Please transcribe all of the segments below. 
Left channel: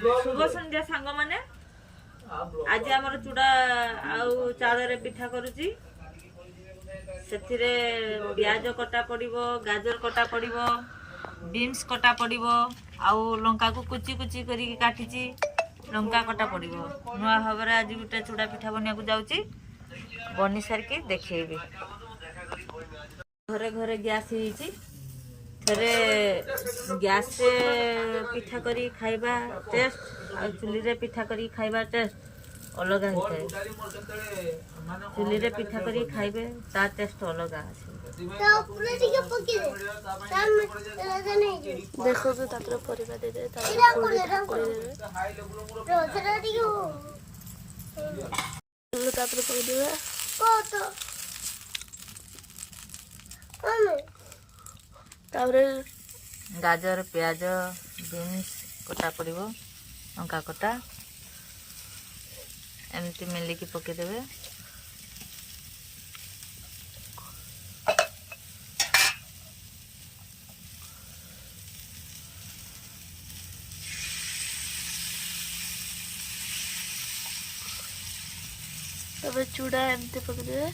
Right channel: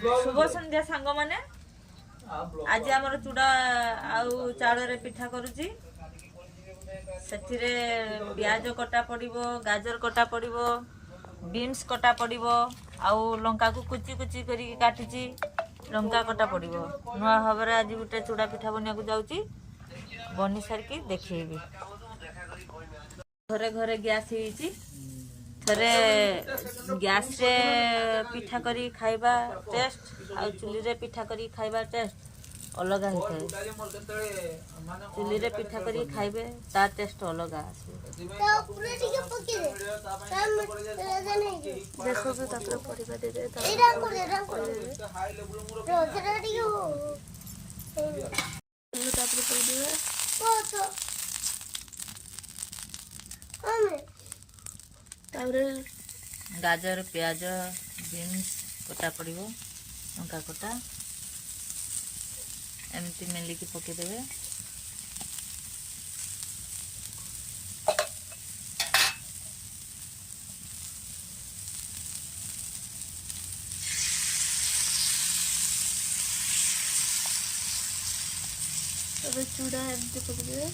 शुभ संध्या सांग माने आज आमर चूड़ा आउ चाउल पिठा करुची सेथिरे प्याज कटा पड़िबो गाजर कटा पड़िबो बीन्स कटा पड़िबो आउ लंका को कुची कुची करी काटिची लंका कटा पड़िबो नुआ भाबरे आज गुटे चूड़ा पिठा बनिया को जाउची बनी सार के देखैबी घरे घरे गैस ହେଇଛି थरे गैस से पिठा करी खाइबा टेस्ट आ चुली रे पिठा करी खाइबा टेस्ट अलग होता है चुली रे पिठा करी खाइबे ता टेस्ट अलग आछे ता पूरा ठीक पके दे काम राजा नहीं देखो तो तातो परिका दे दे ता एरा को तो जरा ठीक हो लो तातो पर दे को तो गाजर प्याज बीन्स कटा पड़ो लंका कटा एमती मिलिकी पकेदेवे तब चूड़ा एमती पकेदेवे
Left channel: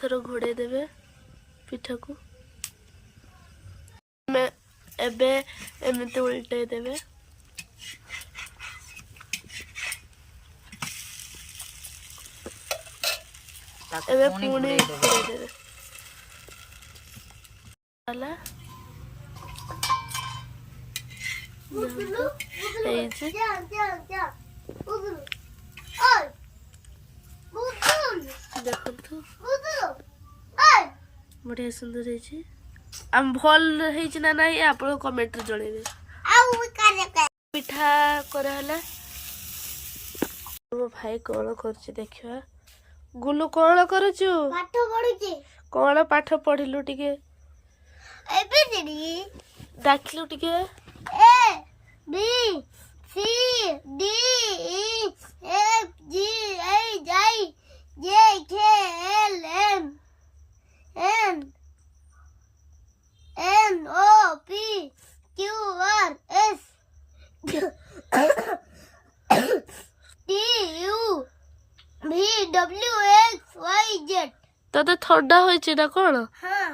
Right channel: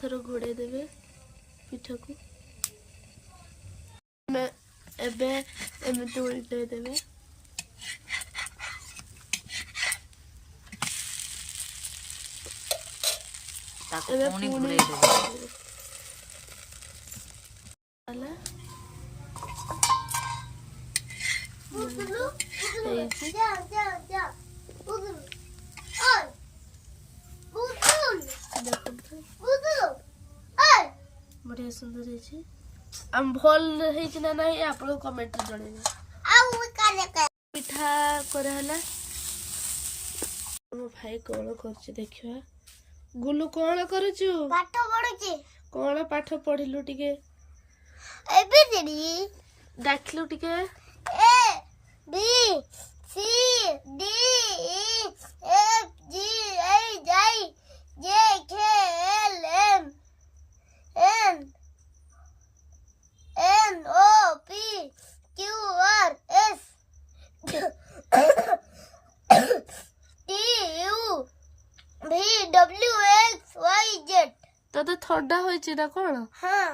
थोड़ा घोड़े देवे पिठा को मैं एबे एमते उल्टे देवे एबे पुणी देवे आला बुदलु जा जा जा बुदलु ओय बुदलु देखो बढ़िया सुंदर है आम भल है ना नहीं आप कमेंट जणेबे पिठा करहला मो भाई कौन कर देखिया गुलू कौन करूछु पाठ पढुची कौन पाठ पढिलु टिके एबे देडी डाकलु टिके A B C D E F G H I J K L M N N O P Q R S T U V W X Y Z तो ठंडा होइछि ना कोन हां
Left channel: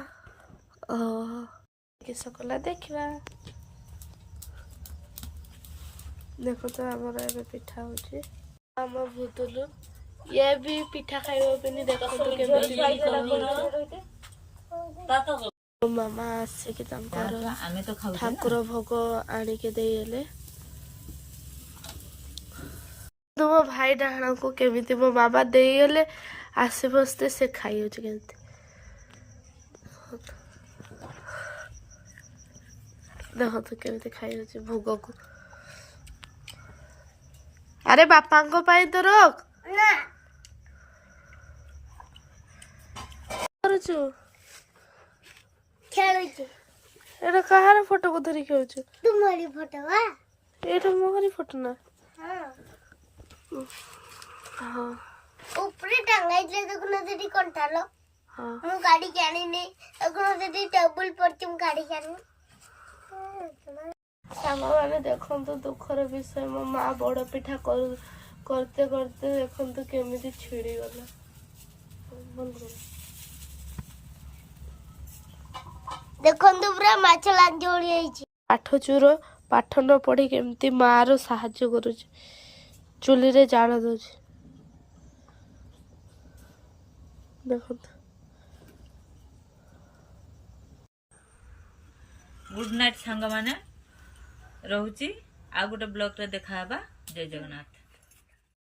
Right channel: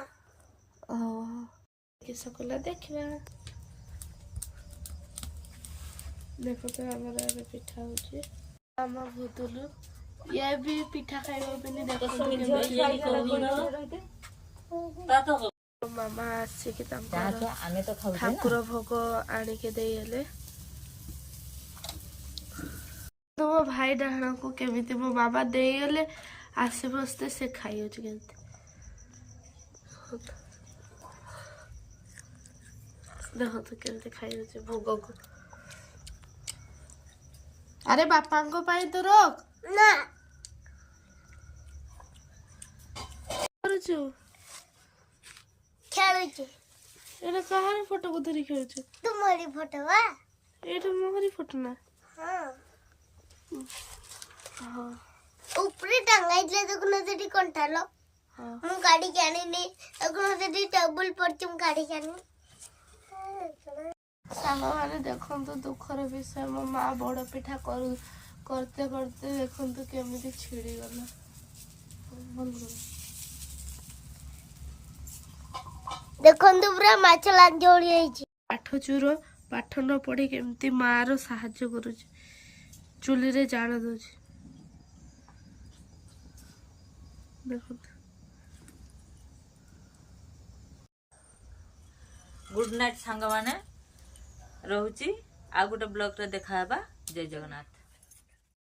के सकला देखबा देखो तो हमरा एबे पिठा होछि हम भूतलु ये भी पिठा खाइबा पनि देखो तो के मामा आसे कि ठाकुर भोग आनी के देले तो मो भाई डाहण को केमिति मो बाबा देले आसे बसते से खाइ होछ केमिति देखो तो केमिति खाइ होछ भोग को अरे बापा को पाई तो रोक ना करछु खेलछु एटा कहार फोटो को धरि खेलछु तुम्हारी फोटो बा एटा मोहरी फोटो ना हां हां ऊपर टांगाई ले देखो ना तेरी कंटालो हां मु गाड़ी जाने नहीं अगर तेरी टेबल पर तुम गाड़ी जानो सामने वाले देखो तो दुखर विषय मो मां बड़ पिठा करते करते देखो तो केमिति छिड़ी गला देखो तो पूरा माछ लांज होई आइछि पाठ चूर पाठ न पढ़ी केमिति मारो सहाय्य करूछि चुली रे जान दोछि देखो गुड नाइट सांग माने रहूची आ गुटे ब्लॉग रे देखाबा जय जगन्नाथ।